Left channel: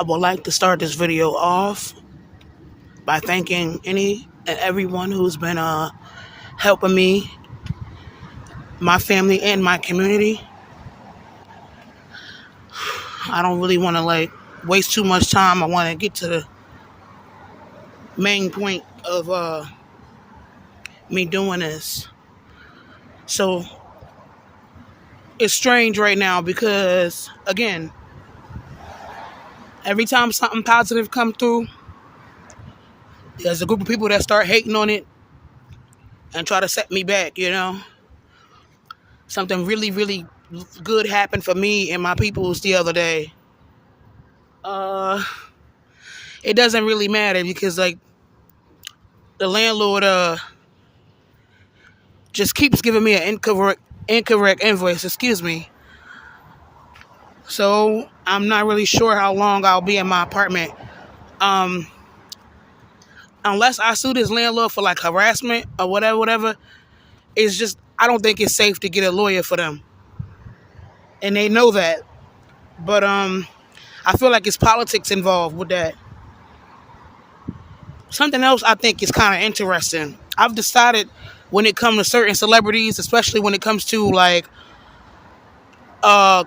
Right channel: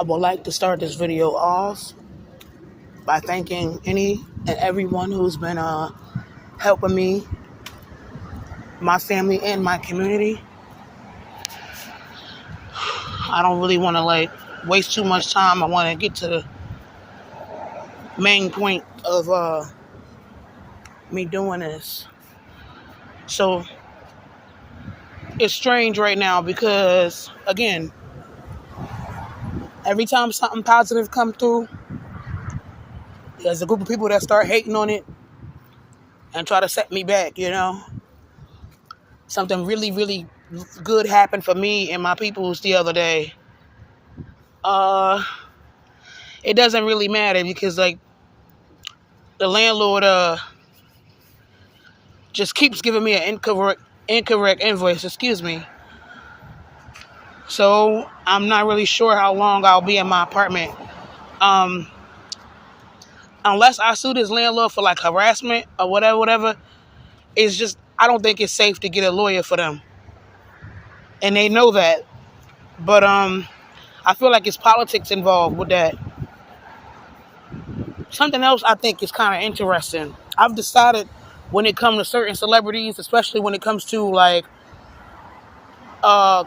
I would like to start this video off by thanking any and everyone who's been helping me, my family, and my community. I don't really want to waste too much time. I want to get to the main point of me doing this. So it's strange right now because, again, every time something positive come through, there's a group of people that start hating on it and try to set me back, Something really, really good happened for me and my peoples the other day. It doesn't really matter because, the landlord just keeps giving me an incorrect invoice, excuse me. So I'm not really sure how long I'll be in my apartment. Unless I sue this landlord for harassment or whatever, it's just, I don't think it's safe to get a lawyer for them. And they know that. But I feel like it's politics involved with that. Something else I think is kind of interesting. I've decided when it comes to certain celebrities, especially when it comes to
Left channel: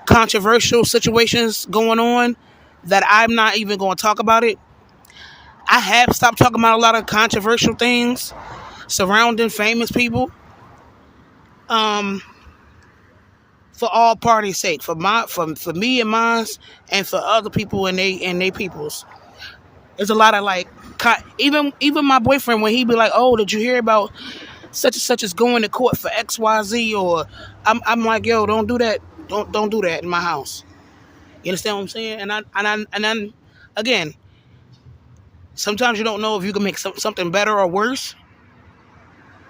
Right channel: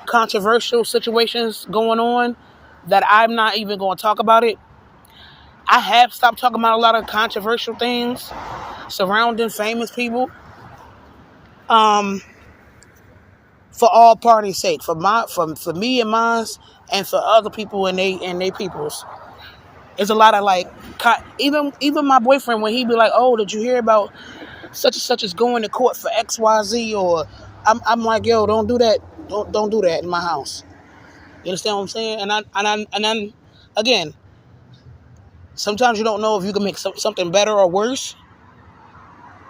controversial situations going on, that I'm not even going to talk about it. I have stopped talking about a lot of controversial things surrounding famous people. For all parties' sake, for me and mine, and for other people and they peoples. There's a lot of even my boyfriend, when he be like, "Oh, did you hear about such and such is going to court for XYZ?" Or I'm like, "Yo, don't do that. Don't do that in my house." You understand what I'm saying? And I'm again, sometimes you don't know if you can make something better or worse.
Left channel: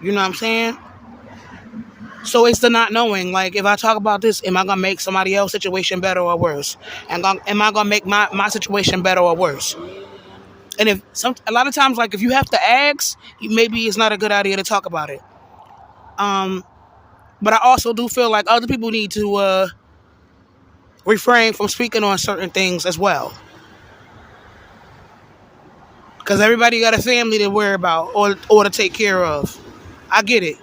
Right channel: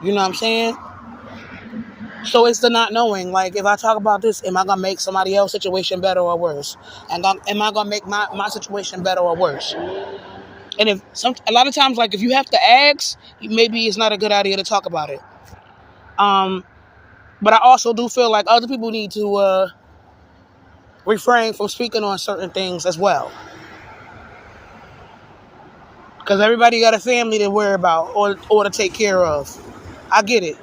You know what I'm saying? So it's the not knowing. Like, if I talk about this, am I gonna make somebody else's situation better or worse? And am I gonna make my situation better or worse? And a lot of times, if you have to ask, maybe it's not a good idea to talk about it. But I also do feel like other people need to refrain from speaking on certain things as well, because everybody got a family to worry about or to take care of. I get it,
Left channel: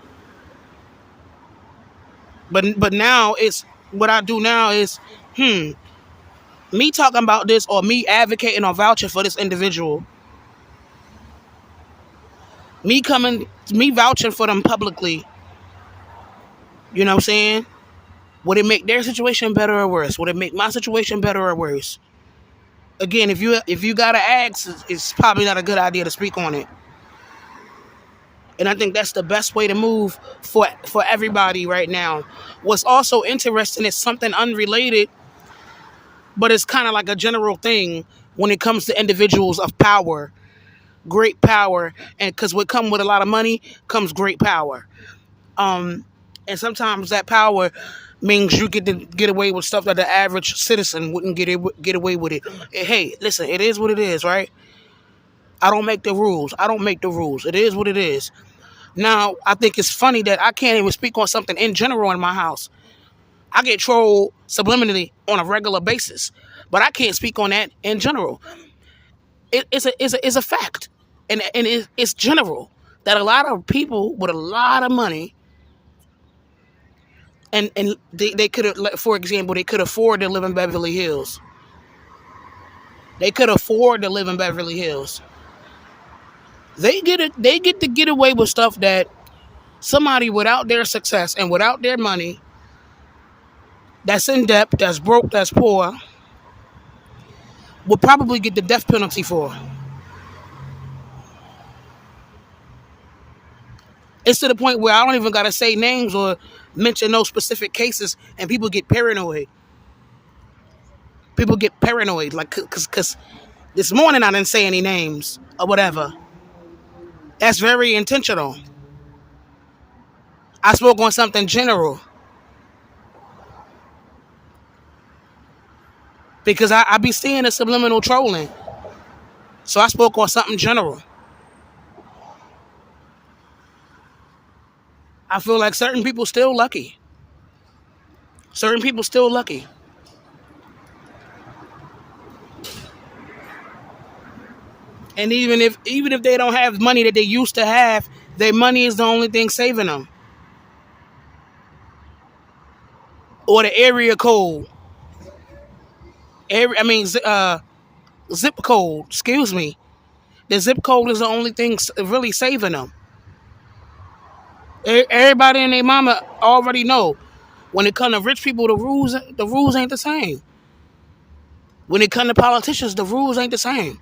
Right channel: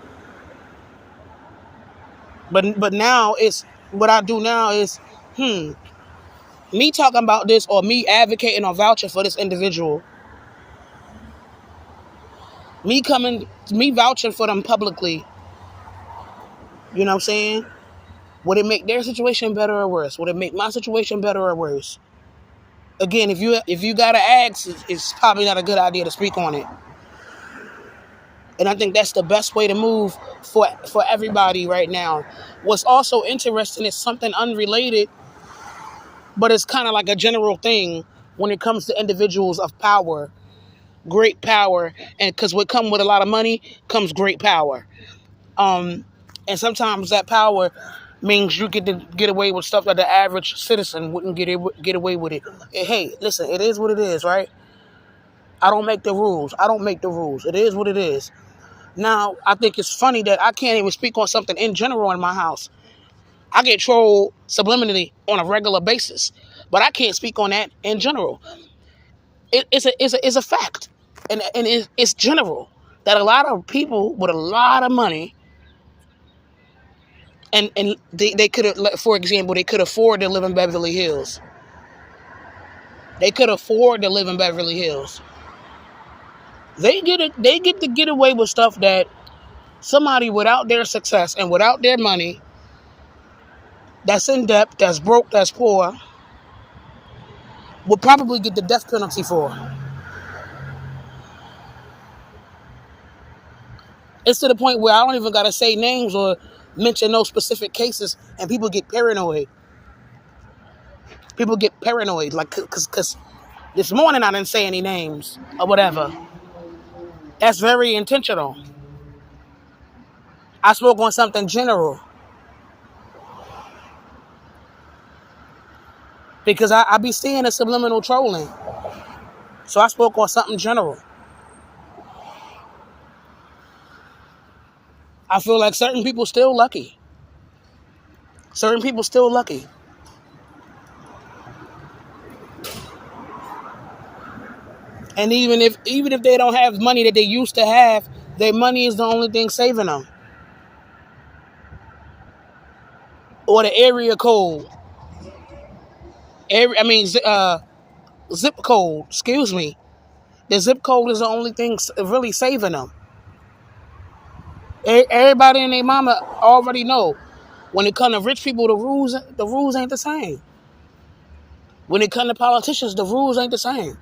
but now it's what I do now is me talking about this or me advocating or vouching for this individual. Me vouching for them publicly. You know what I'm saying? Would it make their situation better or worse? Would it make my situation better or worse? Again, if you gotta ask, it's probably not a good idea to speak on it. And I think that's the best way to move for everybody right now. What's also interesting is something unrelated, but it's kind of like a general thing when it comes to individuals of power, great power, and because what comes with a lot of money comes great power. And sometimes that power means you get to get away with stuff that the average citizen wouldn't get away with it. Hey, listen, it is what it is, right? I don't make the rules. It is what it is. Now, I think it's funny that I can't even speak on something in general in my house. I get trolled subliminally on a regular basis, but I can't speak on that in general. It's a fact, and it's general that a lot of people with a lot of money, and they could have, for example, they could afford to live in Beverly Hills. They could afford to live in Beverly Hills. They get to get away with stuff that somebody without their success and without their money, that's in debt, that's broke, that's poor, would probably get the death penalty for. It's to the point where I don't even gotta say names or mention no specific cases, and people get paranoid. Because this morning I didn't say any names or whatever. That's very intentional. I spoke on something general. Because I be seeing the subliminal trolling. So I spoke on something general. I feel like certain people still lucky. And even if they don't have money that they used to have, their money is the only thing saving them. Or the area code. Zip code. Excuse me. The zip code is the only thing really saving them. Everybody and their mama already know. When it comes to rich people, the rules ain't the same. When it comes to politicians, the rules ain't the same.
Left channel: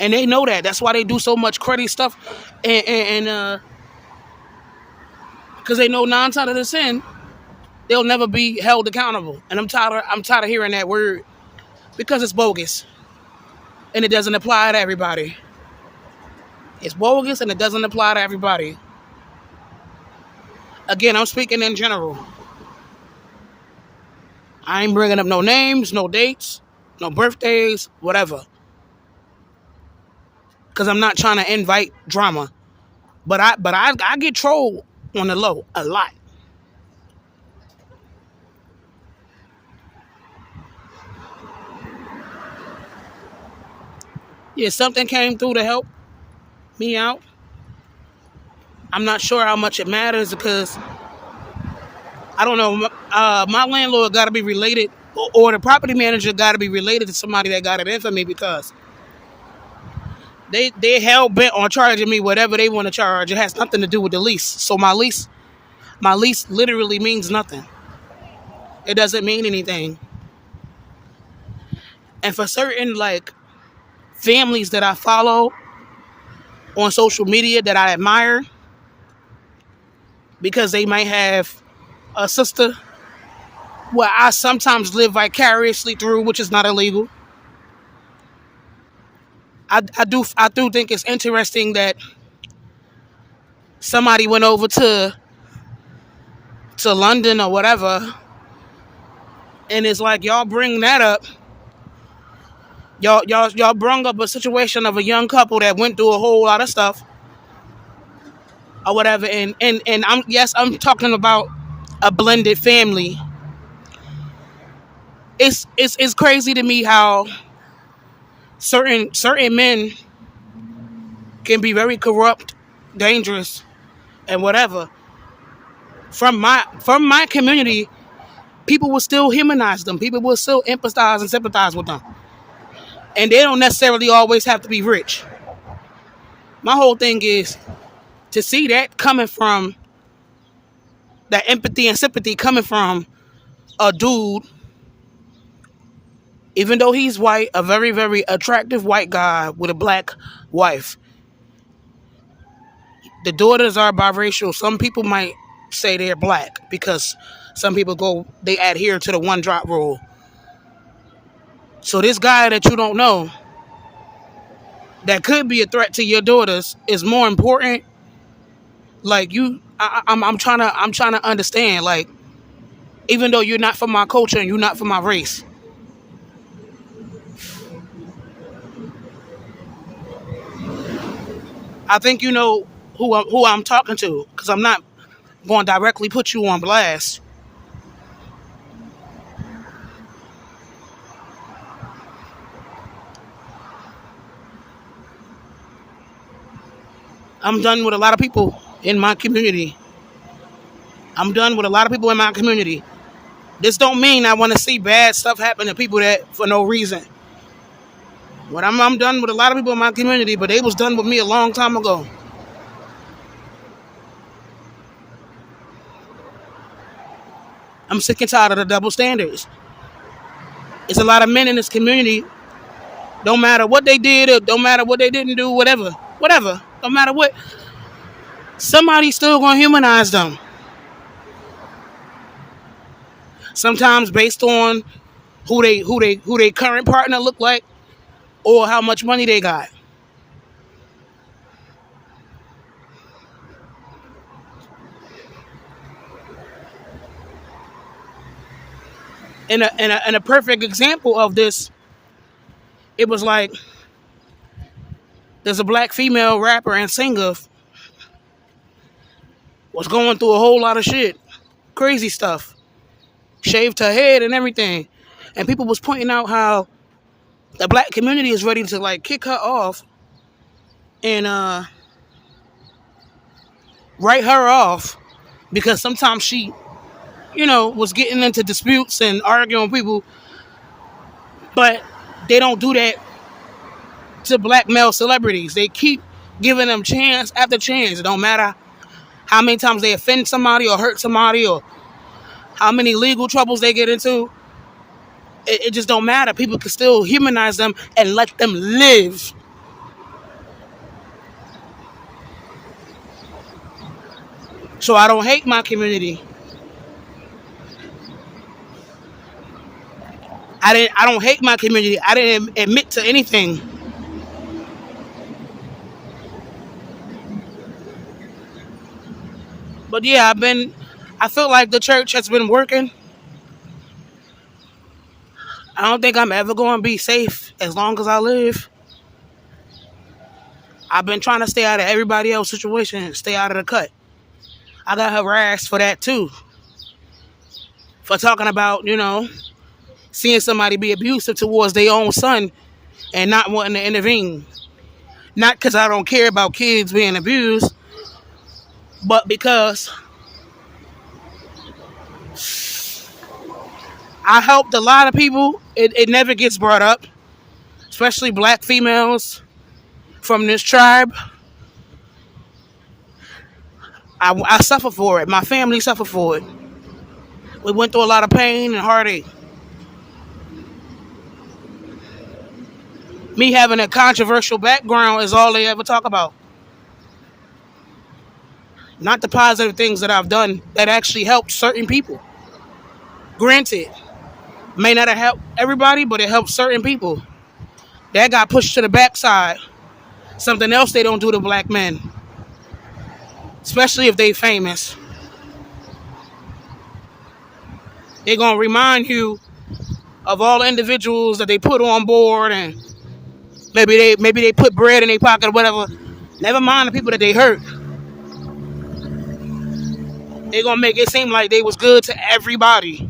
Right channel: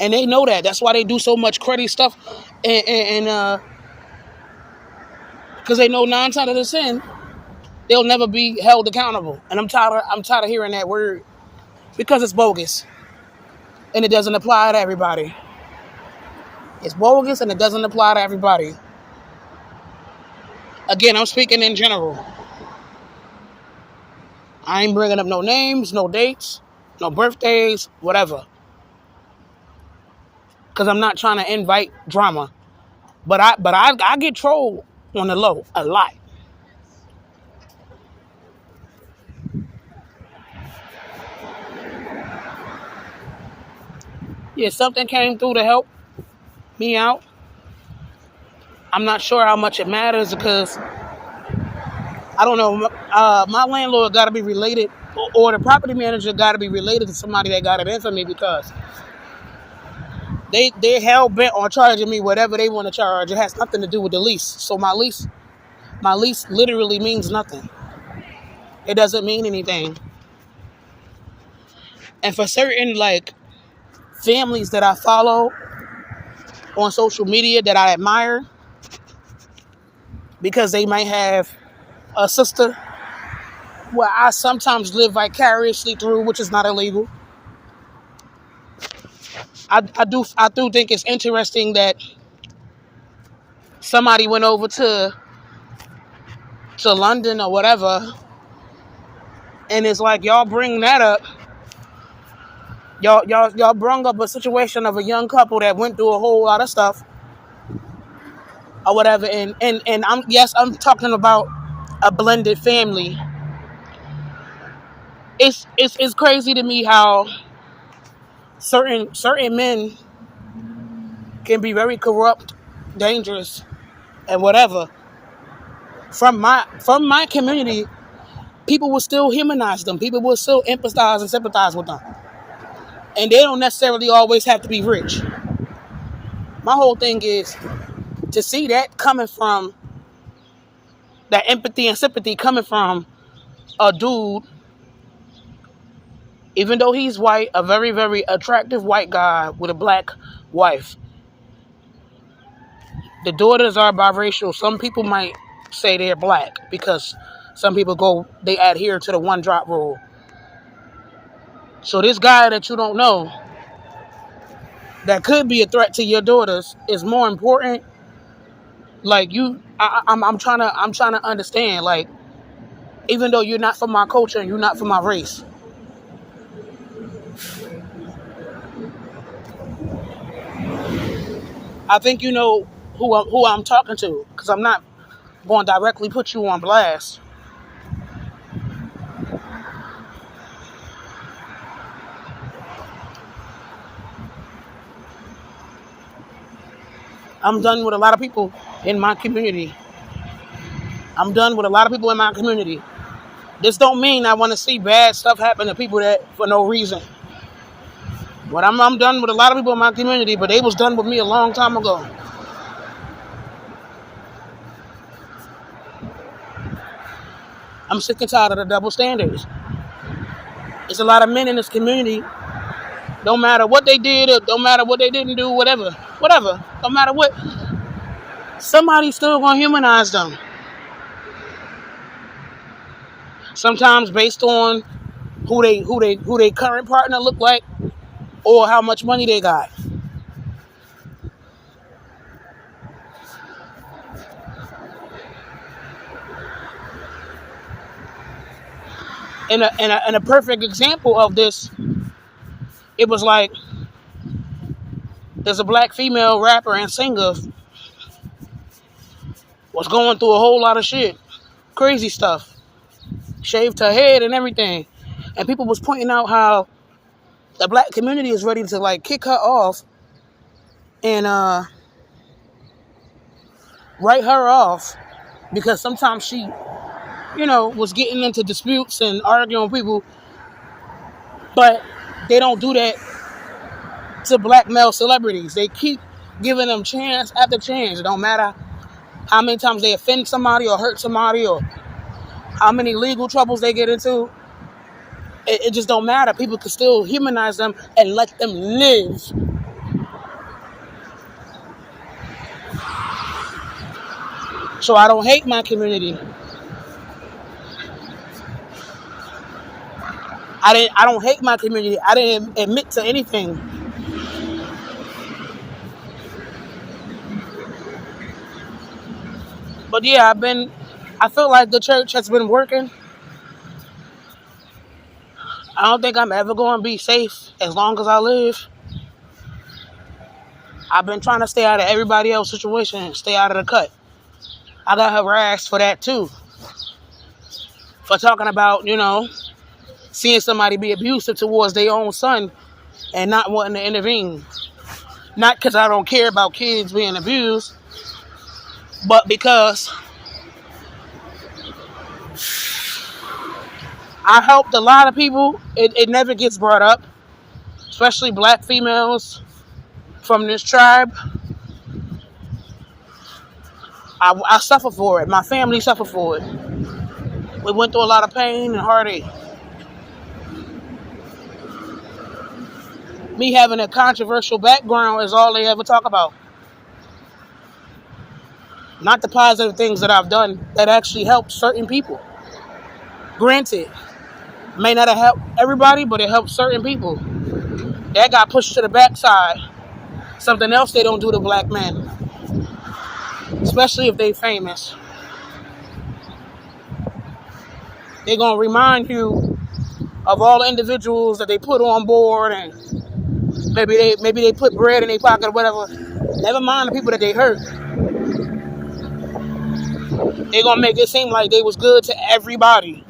And they know that. That's why they do so much crazy stuff. And because they know 9 times out of 10, they'll never be held accountable. And I'm tired of hearing that word because it's bogus. And it doesn't apply to everybody. It's bogus and it doesn't apply to everybody. Again, I'm speaking in general. I ain't bringing up no names, no dates, no birthdays, whatever. Because I'm not trying to invite drama. But I get trolled on the low a lot. Yeah, something came through to help me out. I'm not sure how much it matters because I don't know. My landlord got to be related, or the property manager got to be related to somebody that got it in for me because they hell bent on charging me whatever they want to charge. It has nothing to do with the lease. So my lease literally means nothing. It doesn't mean anything. And for certain like families that I follow on social media that I admire, because they might have a sister where I sometimes live vicariously through, which is not illegal. I do think it's interesting that somebody went over to London or whatever, and it's like y'all bring that up. Y'all brung up a situation of a young couple that went through a whole lot of stuff or whatever, and I'm talking about a blended family. It's crazy to me how certain men can be very corrupt, dangerous, and whatever. From my community, people will still humanize them. People will still empathize and sympathize with them. And they don't necessarily always have to be rich. My whole thing is to see that coming from that empathy and sympathy coming from a dude, even though he's white, a very, very attractive white guy with a black wife. The daughters are biracial. Some people might say they're black because some people they adhere to the one drop rule. So this guy that you don't know that could be a threat to your daughters is more important. Like I'm trying to understand. Like, even though you're not from my culture and you're not from my race, I think you know who I'm talking to because I'm not going to directly put you on blast. I'm done with a lot of people in my community. I'm done with a lot of people in my community. This don't mean I want to see bad stuff happen to people that for no reason. But I'm done with a lot of people in my community, but they was done with me a long time ago. I'm sick and tired of the double standards. It's a lot of men in this community. Don't matter what they did or don't matter what they didn't do, whatever. Don't matter what. Somebody's still gonna humanize them. Sometimes based on who they current partner look like or how much money they got. And a perfect example of this, it was like there's a black female rapper and singer was going through a whole lot of shit, crazy stuff, shaved her head and everything, and people was pointing out how The black community is ready to like kick her off and write her off because sometimes she, was getting into disputes and arguing with people, but they don't do that to black male celebrities. They keep giving them chance after chance. It don't matter how many times they offend somebody or hurt somebody or how many legal troubles they get into. It just don't matter. People can still humanize them and let them live. So I don't hate my community. I don't hate my community. I didn't admit to anything. But yeah, I feel like the church has been working. I don't think I'm ever going to be safe as long as I live. I've been trying to stay out of everybody else's situation, stay out of the cut. I got harassed for that too. For talking about, seeing somebody be abusive towards their own son and not wanting to intervene. Not because I don't care about kids being abused, but because I helped a lot of people. It never gets brought up, especially black females from this tribe. I suffer for it. My family suffered for it. We went through a lot of pain and heartache. Me having a controversial background is all they ever talk about. Not the positive things that I've done that actually helped certain people. Granted, may not have helped everybody, but it helped certain people. That got pushed to the backside. Something else they don't do to black men, especially if they famous. They're gonna remind you of all the individuals that they put on board, and maybe they put bread in their pocket or whatever. Never mind the people that they hurt. They're gonna make it seem like they was good to everybody.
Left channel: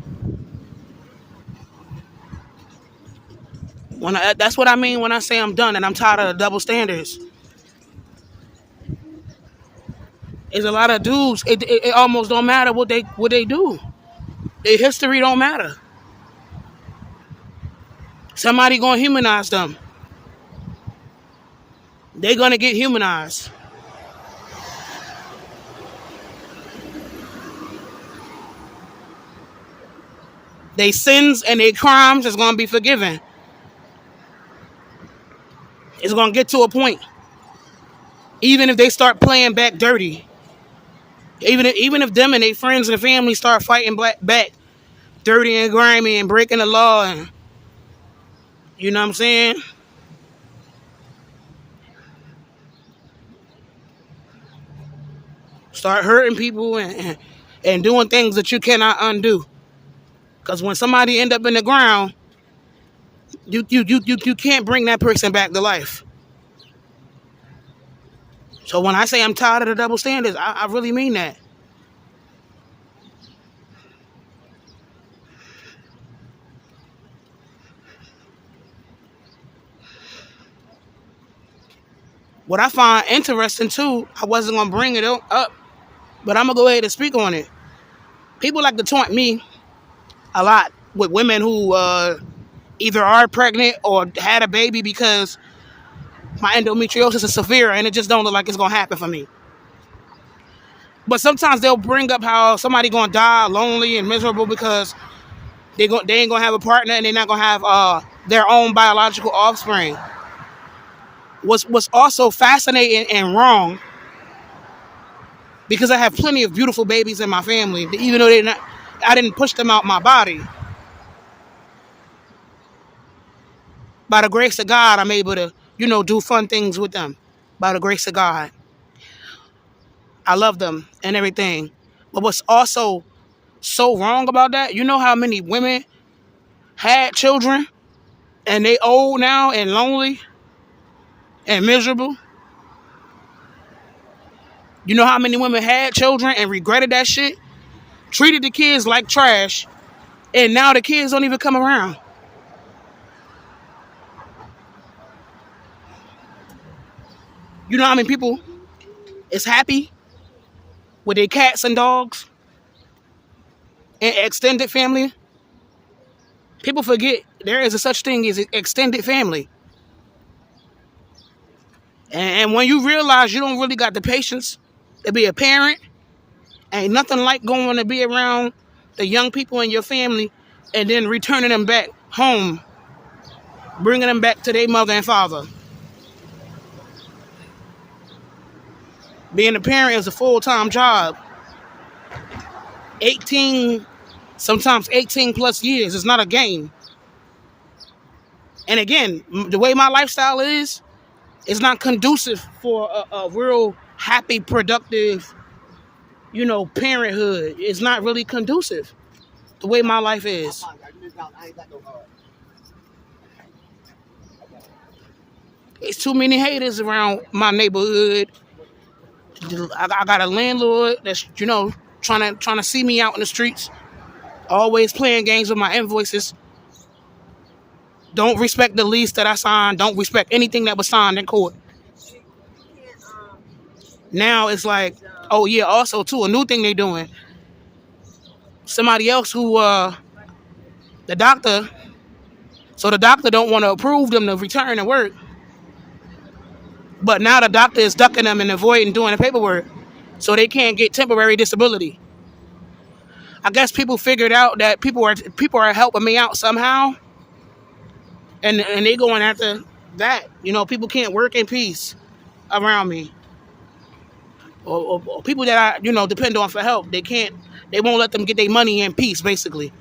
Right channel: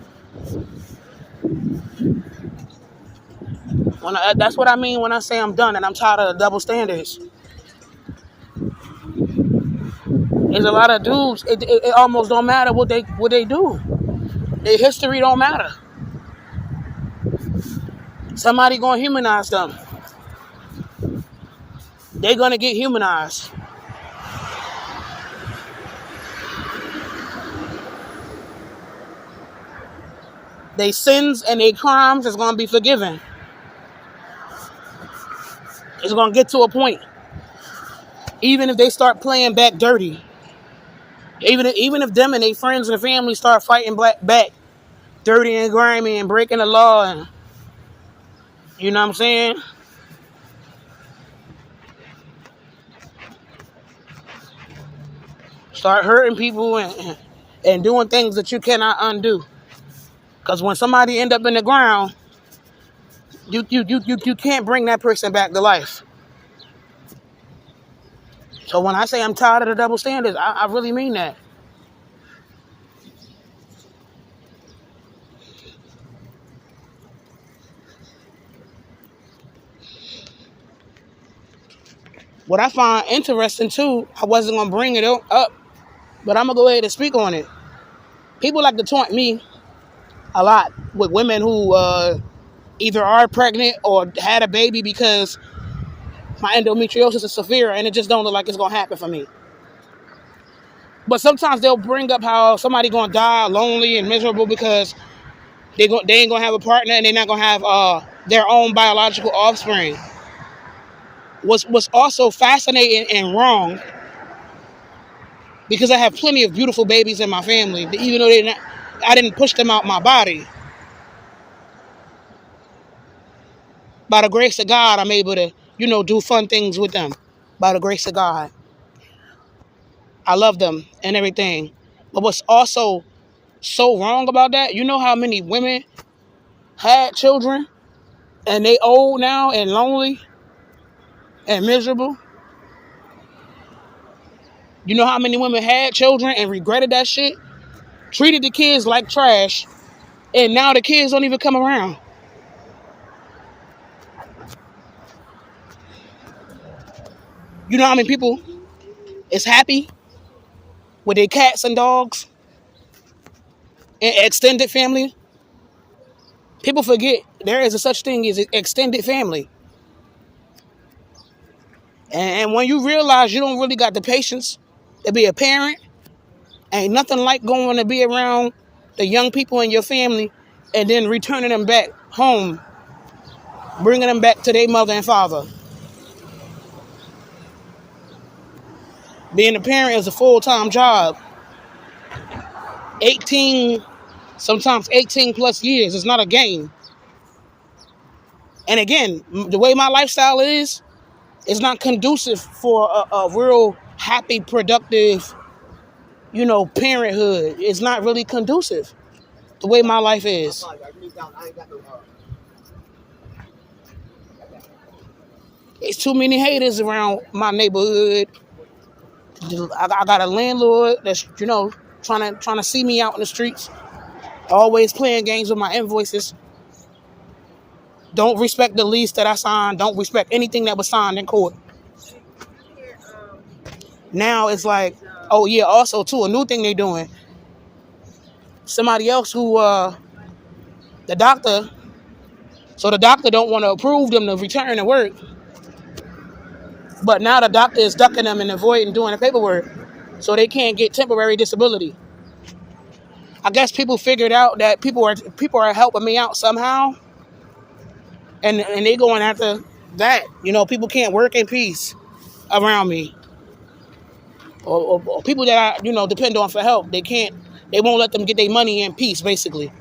That's what I mean when I say I'm done and I'm tired of the double standards. There's a lot of dudes. It almost don't matter what they do. Their history don't matter. Somebody gonna humanize them. They gonna get humanized. Their sins and their crimes is gonna be forgiven. It's gonna get to a point. Even if they start playing back dirty. Even if them and their friends and family start fighting back dirty and grimy and breaking the law, and you know what I'm saying? Start hurting people and doing things that you cannot undo. Because when somebody end up in the ground, you can't bring that person back to life. So when I say I'm tired of the double standards, I really mean that. What I find interesting too, I wasn't gonna bring it up, but I'm gonna go ahead and speak on it. People like to taunt me a lot with women who either are pregnant or had a baby because my endometriosis is severe and it just don't look like it's gonna happen for me. But sometimes they'll bring up how somebody gonna die lonely and miserable because they ain't gonna have a partner and they're not gonna have their own biological offspring. What's also fascinating and wrong, because I have plenty of beautiful babies in my family, even though I didn't push them out my body. By the grace of God, I'm able to, do fun things with them. By the grace of God. I love them and everything. But what's also so wrong about that, you know how many women had children and they old now and lonely and miserable? You know how many women had children and regretted that shit? Treated the kids like trash, and now the kids don't even come around. You know how many people is happy with their cats and dogs and extended family? People forget there is a such thing as an extended family. And when you realize you don't really got the patience to be a parent, ain't nothing like going to be around the young people in your family and then returning them back home, bringing them back to their mother and father. Being a parent is a full-time job. 18, sometimes 18 plus years. It's not a game. And again, the way my lifestyle is, it's not conducive for a real happy, productive, parenthood. It's not really conducive the way my life is. There's too many haters around my neighborhood. I got a landlord that's, trying to see me out in the streets, always playing games with my invoices. Don't respect the lease that I signed. Don't respect anything that was signed in court. Now it's like, oh yeah, also too, a new thing they doing. Somebody else who, the doctor don't want to approve them to return to work. But now the doctor is ducking them and avoiding doing the paperwork so they can't get temporary disability. I guess people figured out that people are helping me out somehow. And they going after that. People can't work in peace around me. Or people that I, depend on for help. They won't let them get their money in peace, basically.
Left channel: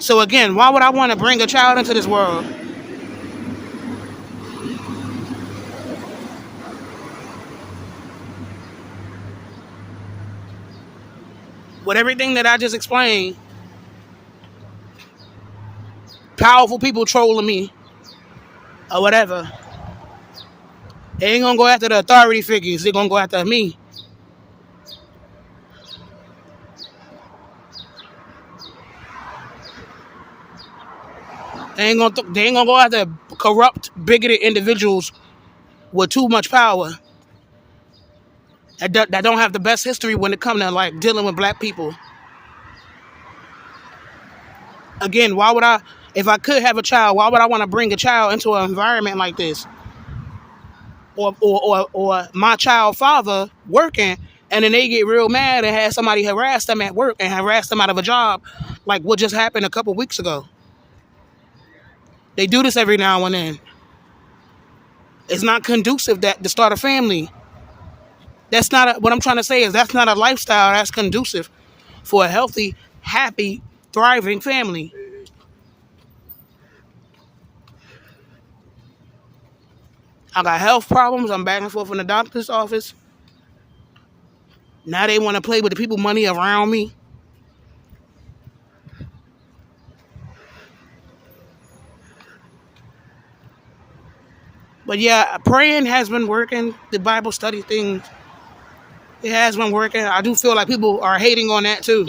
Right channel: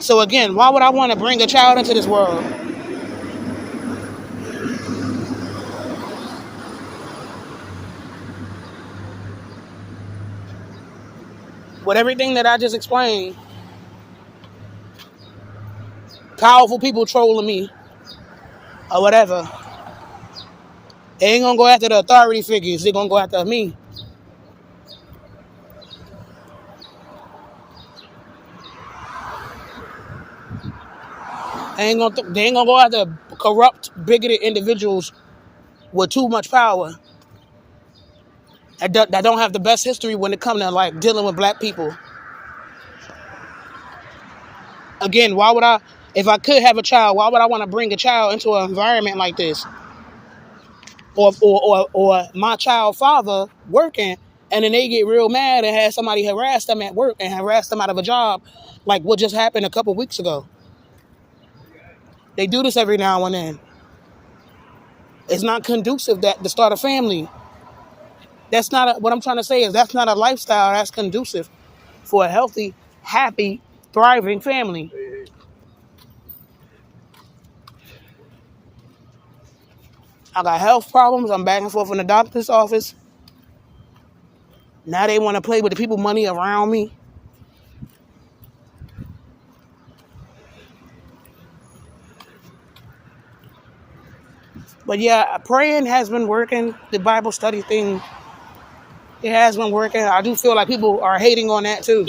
So again, why would I want to bring a child into this world? With everything that I just explained, powerful people trolling me or whatever, they ain't gonna go after the authority figures. They're gonna go after me. They ain't gonna go after corrupt, bigoted individuals with too much power that don't have the best history when it comes to like dealing with black people. Again, why would I, if I could have a child, why would I want to bring a child into an environment like this? Or my child father working, and then they get real mad and have somebody harass them at work and harass them out of a job, like what just happened a couple weeks ago. They do this every now and then. It's not conducive to start a family. That's not what I'm trying to say is that's not a lifestyle that's conducive for a healthy, happy, thriving family. I got health problems. I'm back and forth in the doctor's office. Now they want to play with the people money around me. But yeah, praying has been working. The Bible study thing, it has been working. I do feel like people are hating on that too.